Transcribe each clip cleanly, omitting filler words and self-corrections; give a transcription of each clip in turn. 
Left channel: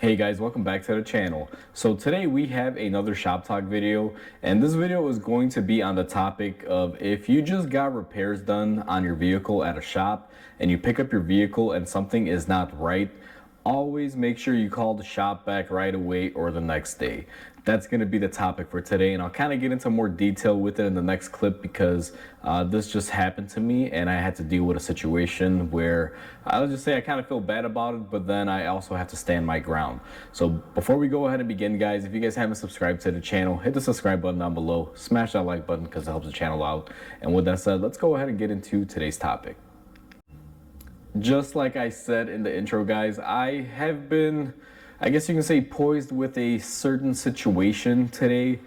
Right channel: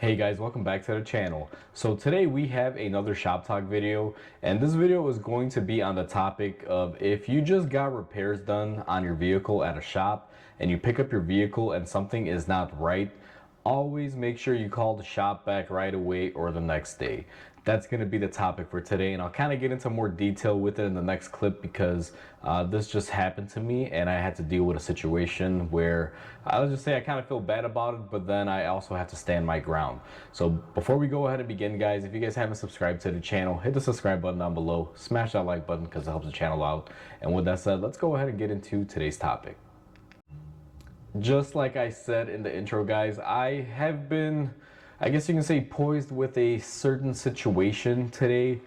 Hey guys, welcome back to the channel. So today we have another shop talk video, and this video is going to be on the topic of if you just got repairs done on your vehicle at a shop and you pick up your vehicle and something is not right, always make sure you call the shop back right away or the next day. That's going to be the topic for today, and I'll kind of get into more detail with it in the next clip because this just happened to me and I had to deal with a situation where I'll just say I kind of feel bad about it, but then I also have to stand my ground. So before we go ahead and begin, guys, if you guys haven't subscribed to the channel, hit the subscribe button down below, smash that like button because it helps the channel out. And with that said, let's go ahead and get into today's topic. Just like I said in the intro, guys, I have been, I guess you can say, poised with a certain situation today.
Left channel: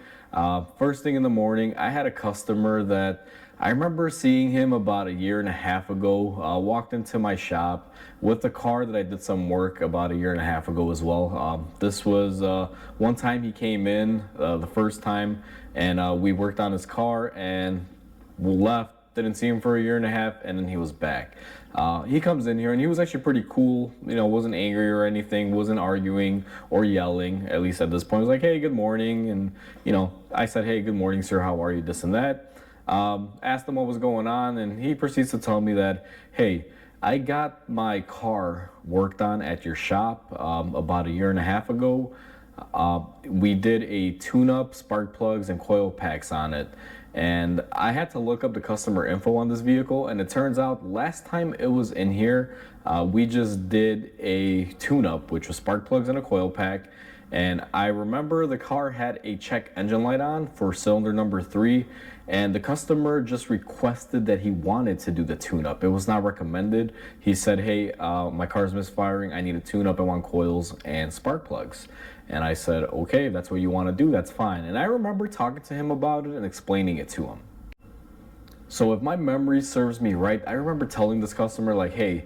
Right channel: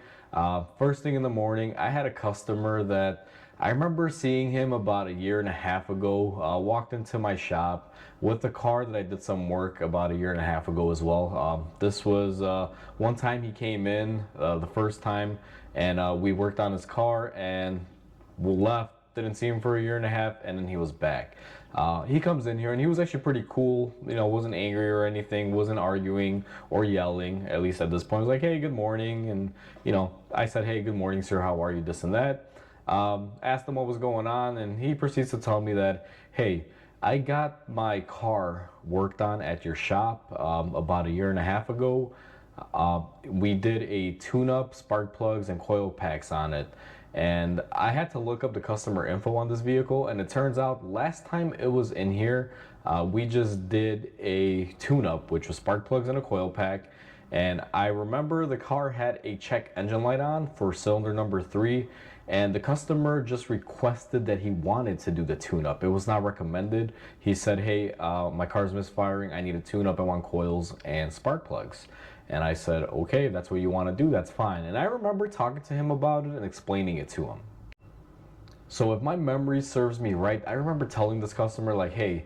First thing in the morning, I had a customer that I remember seeing him about a year and a half ago. Walked into my shop with a car that I did some work about a year and a half ago as well. This was one time he came in, the first time, and we worked on his car and we left. Didn't see him for a year and a half, and then he was back. He comes in here and he was actually pretty cool, you know, wasn't angry or anything, wasn't arguing or yelling, at least at this point. He was like, hey, good morning. And, you know, I said, hey, good morning, sir, how are you, this and that. Asked him what was going on, and he proceeds to tell me that, hey, I got my car worked on at your shop about a year and a half ago. We did a tune-up, spark plugs, and coil packs on it. And I had to look up the customer info on this vehicle, and it turns out last time it was in here, we just did a tune-up, which was spark plugs and a coil pack. And I remember the car had a check engine light on for cylinder number 3, and the customer just requested that he wanted to do the tune-up. It was not recommended. He said, hey, my car's misfiring, I need a tune-up, I want coils and spark plugs. And I said, okay, if that's what you want to do, that's fine. And I remember talking to him about it and explaining it to him. So if my memory serves me right, I remember telling this customer, like, hey,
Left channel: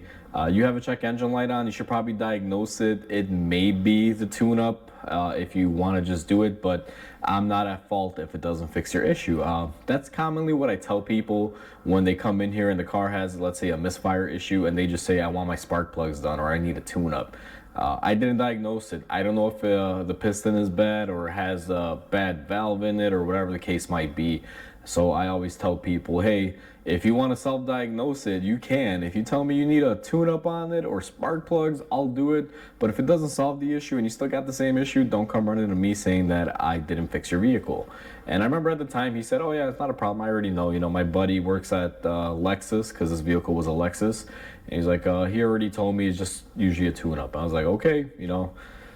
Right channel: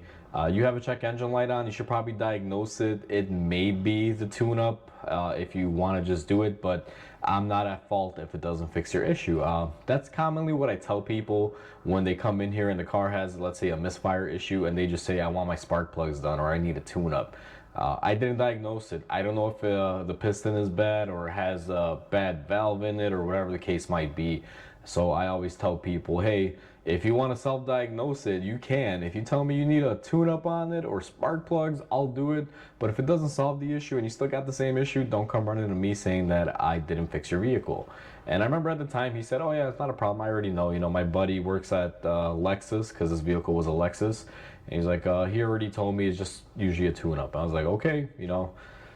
you have a check engine light on, you should probably diagnose it. It may be the tune-up if you want to just do it, but I'm not at fault if it doesn't fix your issue. That's commonly what I tell people when they come in here and the car has, let's say, a misfire issue and they just say, I want my spark plugs done or I need a tune-up. I didn't diagnose it. I don't know if the piston is bad or has a bad valve in it or whatever the case might be. So I always tell people, hey, if you want to self-diagnose it, you can. If you tell me you need a tune-up on it or spark plugs, I'll do it. But if it doesn't solve the issue and you still got the same issue, don't come running to me saying that I didn't fix your vehicle. And I remember at the time he said, oh yeah, it's not a problem. I already know. You know, my buddy works at Lexus because his vehicle was a Lexus. And he's like, he already told me it's just usually a tune-up. I was like, okay, you know.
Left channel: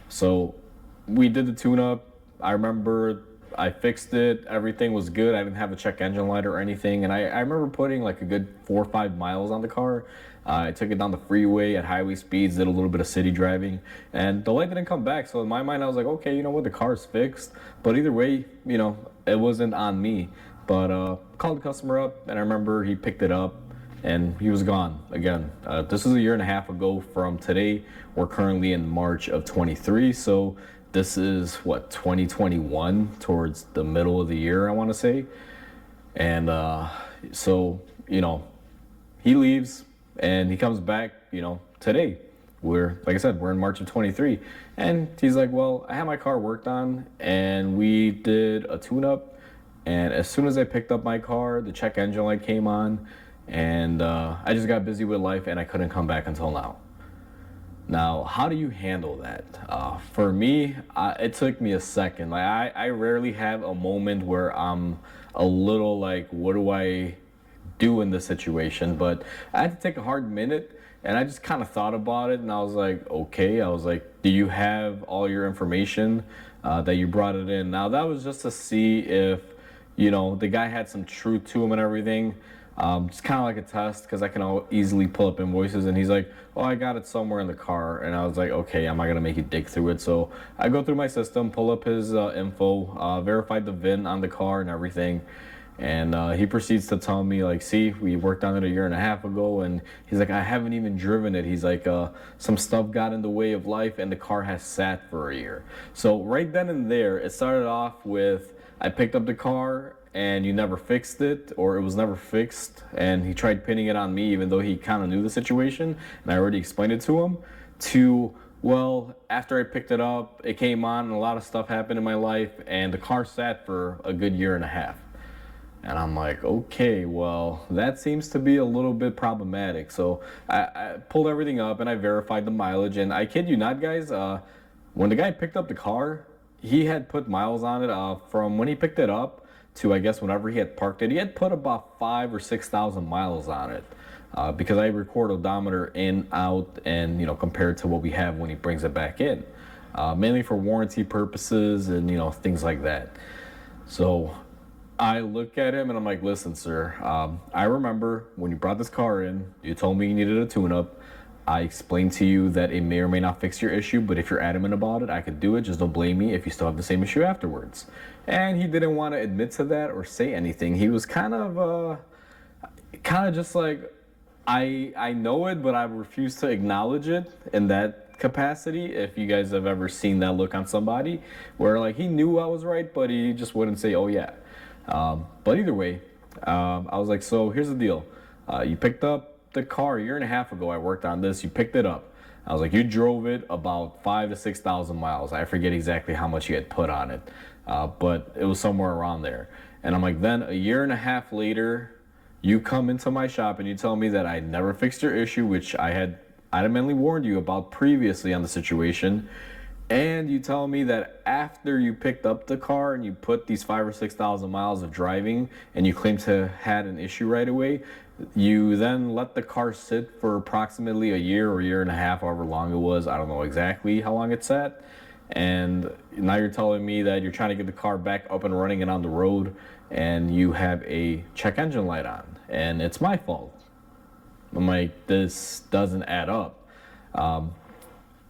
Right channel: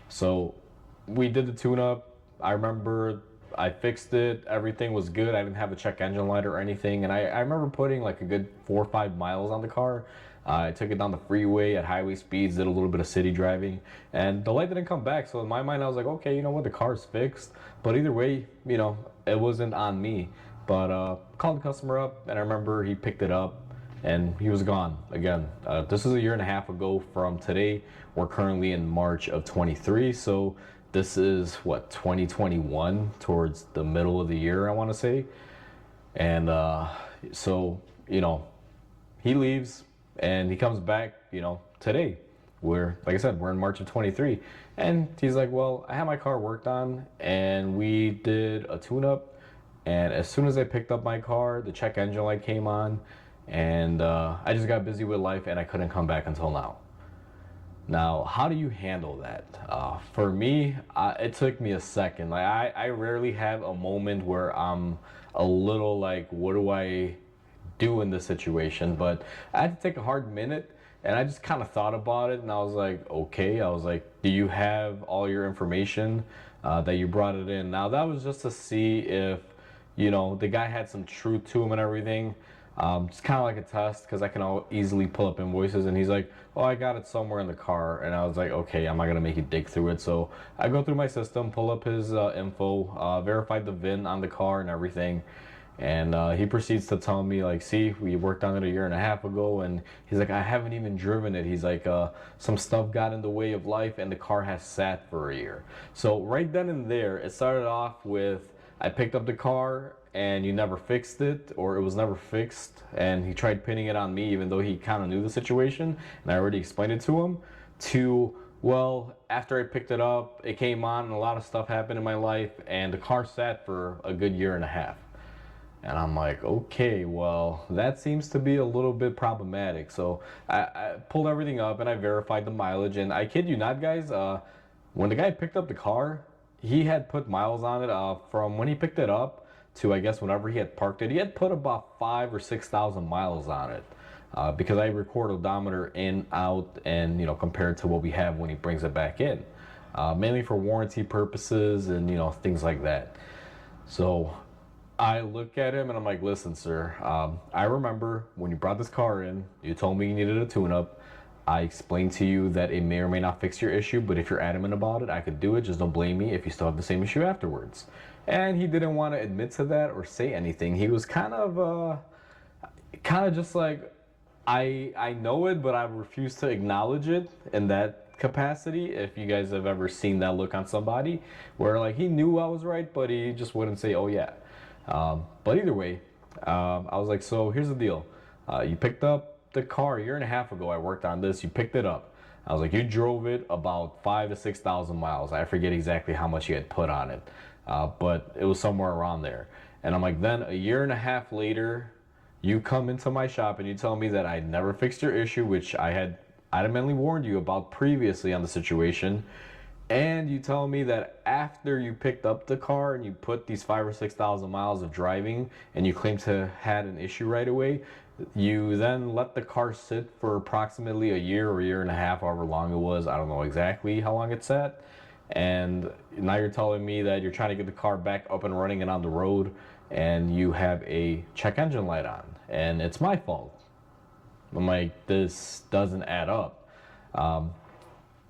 So we did the tune-up. I remember I fixed it. Everything was good. I didn't have a check engine light or anything. And I remember putting like a good 4 or 5 miles on the car. I took it down the freeway at highway speeds, did a little bit of city driving, and the light didn't come back. So in my mind, I was like, okay, you know what, the car's fixed. But either way, you know, it wasn't on me. But called the customer up, and I remember he picked it up, and he was gone again. This is a year and a half ago from today. We're currently in March of 23, so this is what, 2021, towards the middle of the year, I want to say. And so, you know, he leaves and he comes back, you know, today. We're, like I said, we're in March of 23, and he's like, well, I had my car worked on and we did a tune-up, and as soon as I picked up my car, the check engine light came on, and I just got busy with life and I couldn't come back until now. Now, how do you handle that? For me, it took me a second. Like I rarely have a moment where I'm a little like, what do I do in this situation? But I had to take a hard minute, and I just kind of thought about it, and I was like, okay. I was like, do you have all your information that you brought it in? Now, that was just to see if, you know, the guy had some truth to him and everything. Just kind of like a test, because I can easily pull up invoices, and he's like, oh, I got it somewhere in the car. And I was like, okay, am I gonna make you dig through it? So I go through my system, pull up his info, verified the VIN on the car and everything, and he proceeds to tell me, like, see, we worked on it a year and a half ago. And he's like, I haven't even driven it. He's like, some stuff got in the way of life and the car has sat for a year. So right then and there, it started off with, I picked up the car and you never fixed it, or it was never fixed, and he tried pinning it on me even though he kind of knew the situation and I already explained it to him, to Well, after I picked it up, it came on and a lot of stuff happened in my life, and the car sat for a good year and a half. And I'm like, okay, well, that seems to be a little bit problematic. So I pulled everything up and I verified the mileage. And I kid you not, guys, when the guy picked up the car, he had put miles on it from when he picked it up to I guess whenever he had parked it. He had put about 5 or 6 thousand miles on it. Because I record odometer in, out, and compared to what we have when he brings it back in, mainly for warranty purposes and things like that. So I look at him and I'm like, listen, sir, I remember when you brought this car in, you told me you needed a tune-up. I explained to you that it may or may not fix your issue, but if you're adamant about it, I could do it. Just don't blame me if you still have the same issue afterwards. And he didn't want to admit to that or say anything. He was kind of just like, I know it, but I refuse to acknowledge it in that capacity. If you guys have ever seen that look on somebody, where like he knew I was right, but he just wouldn't say, "Oh yeah." But either way, I was like, "So here's the deal. You picked up the car a year and a half ago. I worked on this. You picked it up. I was like, you drove it about 5 to 6 thousand miles. I forget exactly how much you had put on it, but it was somewhere around there." And I'm like, then a year and a half later, you come into my shop and you tell me that I never fixed your issue, which I had adamantly warned you about previously on the situation. And you tell me that after you picked up the car and you put these 5 or 6 thousand miles of driving and you claim to had an issue right away, you then let the car sit for approximately a year or year and a half, however long it was. I don't know exactly how long it sat. And now you're telling me that you're trying to get the car back up and running and on the road, and you have a check engine light on, and it's my fault. I'm like, this doesn't add up.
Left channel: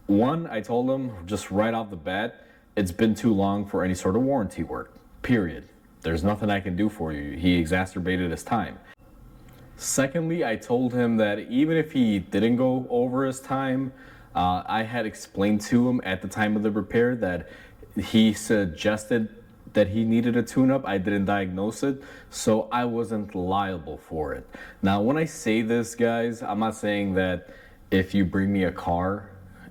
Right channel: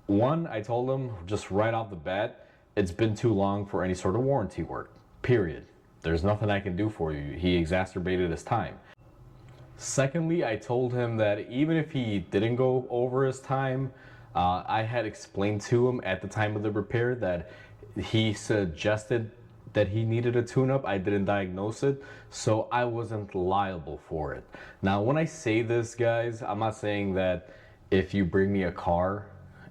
One, I told him just right off the bat, it's been too long for any sort of warranty work, period. There's nothing I can do for you. He exacerbated his time. Secondly, I told him that even if he didn't go over his time, I had explained to him at the time of the repair that he suggested that he needed a tune-up. I didn't diagnose it, so I wasn't liable for it. Now, when I say this, guys, I'm not saying that if you bring me a car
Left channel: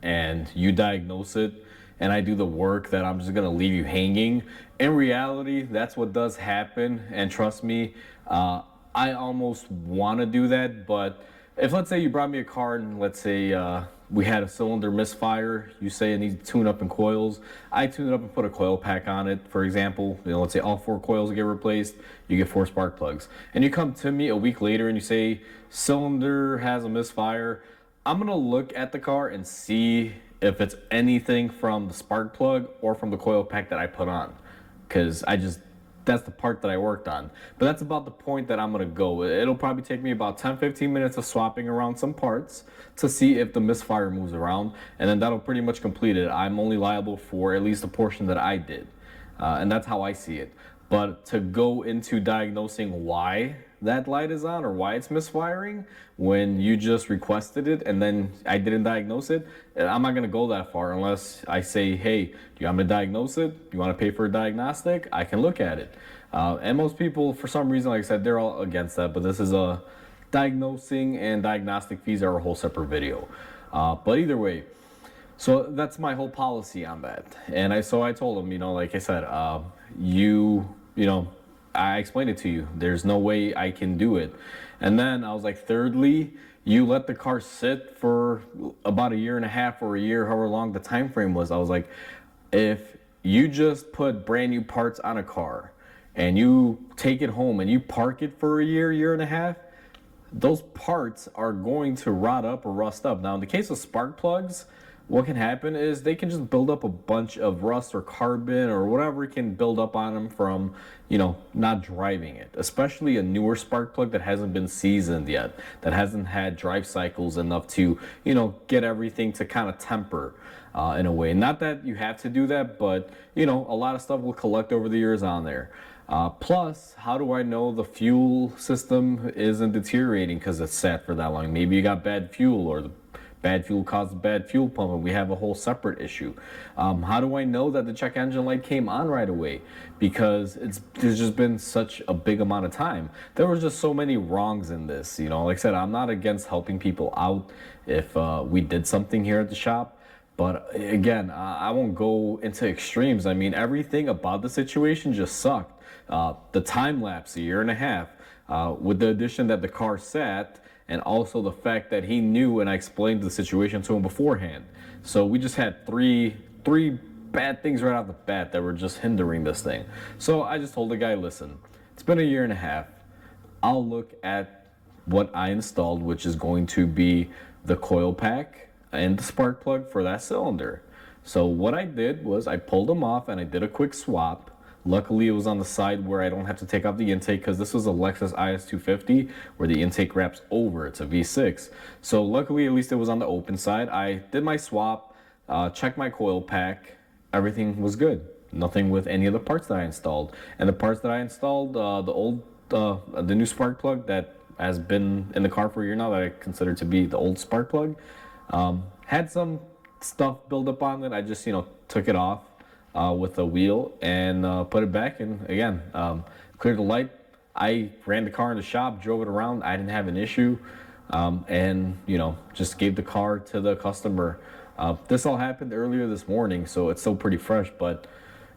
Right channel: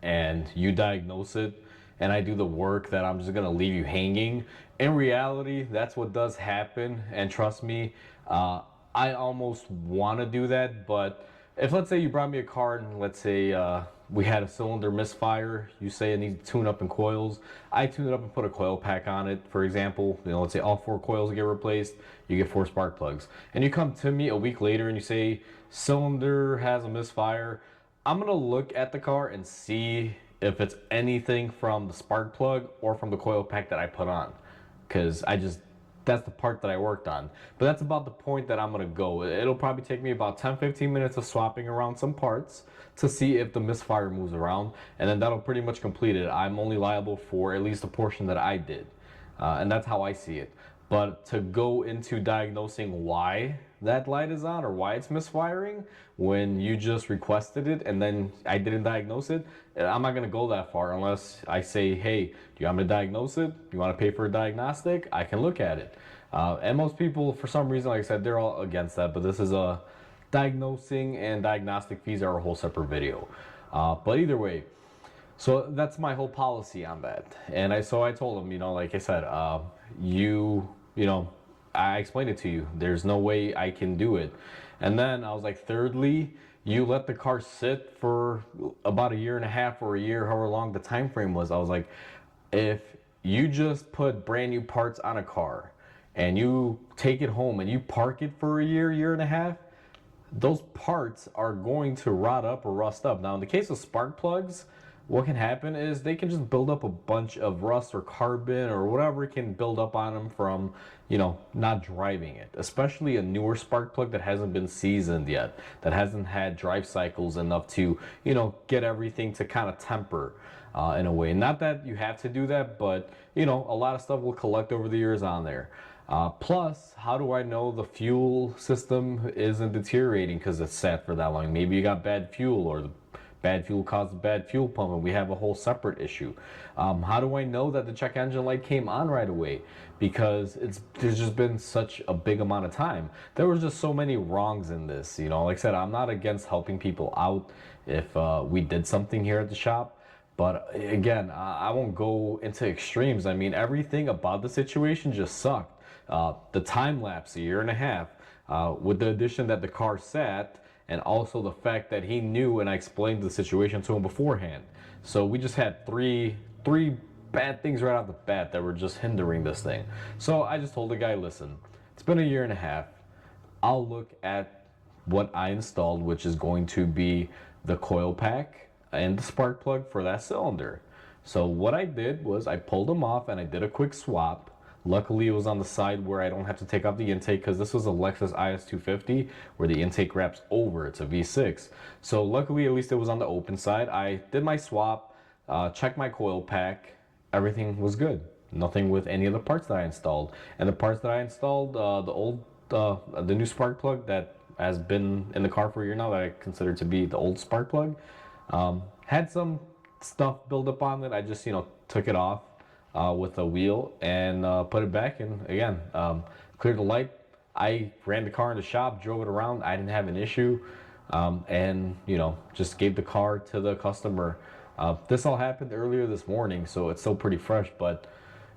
and you diagnose it and I do the work that I'm just gonna leave you hanging. In reality, that's what does happen, and trust me, I almost want to do that, but if let's say you brought me a car and let's say we had a cylinder misfire, you say it needs to tune up in coils, I tune it up and put a coil pack on it, for example, let's say all 4 coils get replaced, you get 4 spark plugs. And you come to me a week later and you say cylinder has a misfire, I'm gonna look at the car and see if it's anything from the spark plug or from the coil pack that I put on, because that's the part that I worked on. But that's about the point that I'm gonna go. It'll probably take me about 10-15 minutes of swapping around some parts to see if the misfire moves around, and then that'll pretty much complete it. I'm only liable for at least a portion that I did, and that's how I see it. But to go into diagnosing why that light is on or why it's misfiring when you just requested it and then I didn't diagnose it, I'm not gonna go that far unless I say, hey, do you want me to diagnose it? You want to pay for a diagnostic? I can look at it. And most people, for some reason, like I said, they're all against that, but this is a diagnosing, and diagnostic fees are a whole separate video. But either way, so that's my whole policy on that. And I told him, like I said, I explained it to you. There's no way I can do it. And then I was like, thirdly, you let the car sit for about a year and a half or a year, however long the time frame was. I was like, if you just put brand new parts on a car and you take it home and you park it for a year, year and a half, those parts are going to rot up or rust up. Now, in the case of spark plugs, what can happen is they can just build up a bunch of rust or carbon or whatever can build up on them from, not driving it. Especially a newer spark plug that hasn't been seasoned yet, that hasn't had drive cycles enough to, get everything to kind of temper in a way. Not that you have to do that, but, a lot of stuff will collect over the years on there. Plus, how do I know the fuel system isn't deteriorating because it's sat for that long? Maybe you got bad fuel, or the bad fuel caused bad fuel pump, and we have a whole separate issue. How do I know that the check engine light came on right away? Because there's just been such a big amount of time. There was just so many wrongs in this. Like I said, I'm not against helping people out if we did something here at the shop. But again, I won't go into extremes. I mean, everything about the situation just sucked. The time lapse, a year and a half, with the addition that the car sat, and also the fact that he knew and I explained the situation to him beforehand. So we just had three bad things right off the bat that were just hindering this thing. So I just told the guy, listen, it's been a year and a half. I'll look at what I installed, which is going to be the coil pack and the spark plug for that cylinder. So what I did was I pulled them off and I did a quick swap. Luckily, it was on the side where I don't have to take out the intake, because this was a Lexus IS250 where the intake wraps over. It's a V6. So luckily, at least it was on the open side. I did my swap, checked my coil pack. Everything was good. Nothing with any of the parts that I installed. And the parts that I installed, the new spark plug that has been in the car for a year now, that I consider to be the old spark plug, had some stuff build up on it. I just, took it off with a wheel and put it back in again. Cleared the light. I ran the car in the shop, drove it around. I didn't have an issue, and just gave the car to the customer. This all happened earlier this morning, so it's still pretty fresh. But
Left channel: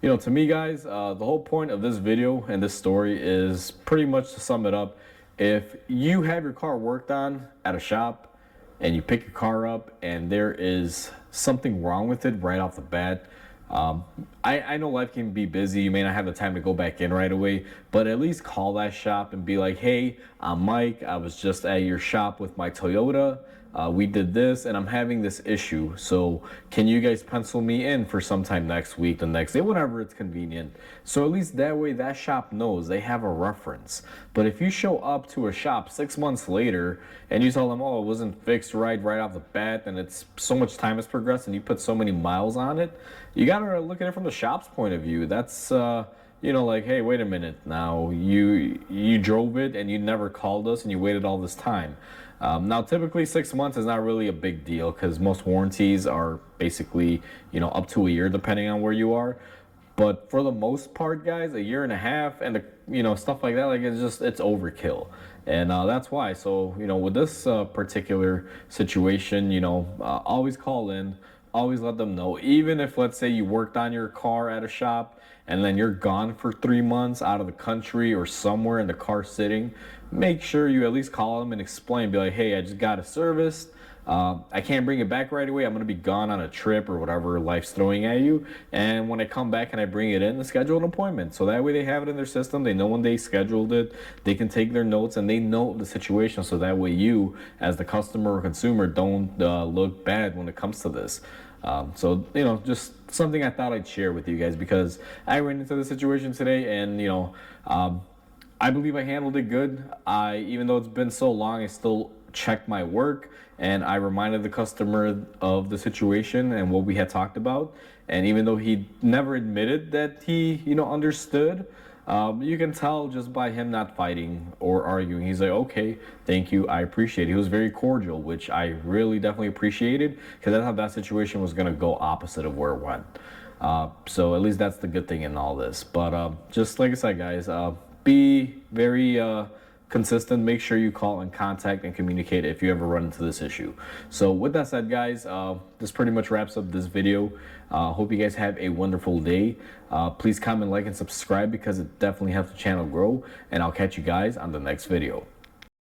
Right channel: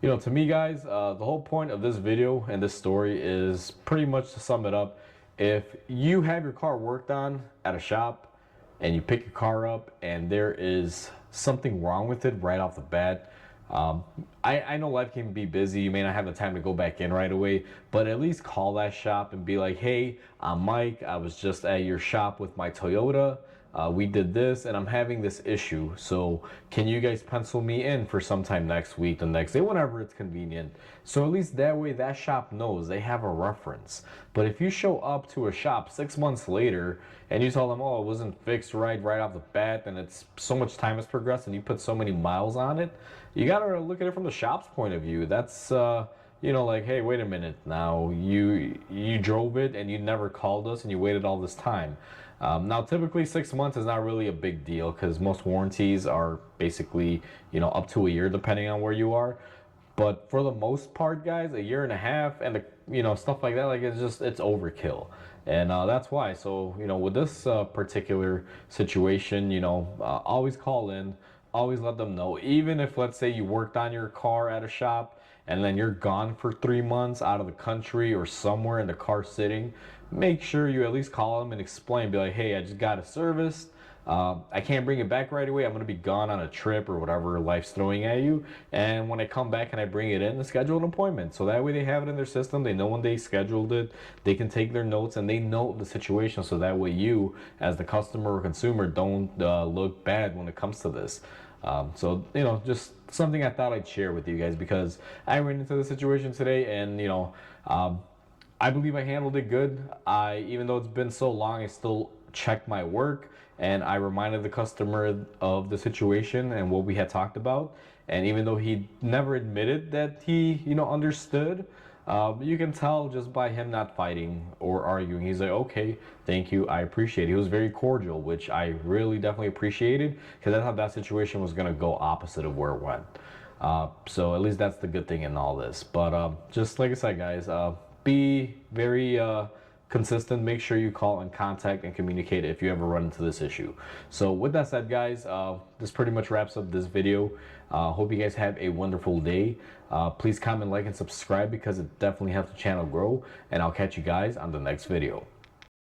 to me, guys, the whole point of this video and this story is pretty much to sum it up. If you have your car worked on at a shop and you pick your car up and there is something wrong with it right off the bat, I know life can be busy. You may not have the time to go back in right away, but at least call that shop and be like, hey, I'm Mike. I was just at your shop with my Toyota. We did this and I'm having this issue. So can you guys pencil me in for sometime next week, the next day, whenever it's convenient? So at least that way that shop knows, they have a reference. But if you show up to a shop 6 months later and you tell them, oh, it wasn't fixed right off the bat, and it's so much time has progressed and you put so many miles on it, you gotta look at it from the shop's point of view. That's like, hey, wait a minute, now you drove it and you never called us and you waited all this time. Now, typically 6 months is not really a big deal, because most warranties are basically, up to a year, depending on where you are. But for the most part, guys, a year and a half and, stuff like that, like it's overkill. And that's why. So, with this particular situation, always call in, always let them know. Even if, let's say, you worked on your car at a shop and then you're gone for 3 months out of the country or somewhere and the car's sitting, make sure you at least call them and explain. Be like, hey, I just got it serviced. I can't bring it back right away. I'm going to be gone on a trip or whatever life's throwing at you. And when I come back and I bring it in, schedule an appointment. So that way they have it in their system. They know when they scheduled it. They can take their notes and they know the situation. So that way you, as the customer or consumer, don't look bad when it comes to this. So, just something I thought I'd share with you guys, because I ran into the situation today and, I believe I handled it good. Even though it's been so long, I still checked my work and I reminded the customer of the situation and what we had talked about. And even though he never admitted that he, understood, you can tell just by him not fighting or arguing. He's like, okay, thank you, I appreciate it. He was very cordial, which I really definitely appreciated, because I thought that situation was going to go opposite of where it went. So at least that's the good thing in all this. But just like I said, guys, be very consistent. Make sure you call and contact and communicate if you ever run into this issue. So with that said, guys, this pretty much wraps up this video. Hope you guys have a wonderful day. Please comment, like, and subscribe, because it definitely helps the channel grow. And I'll catch you guys on the next video.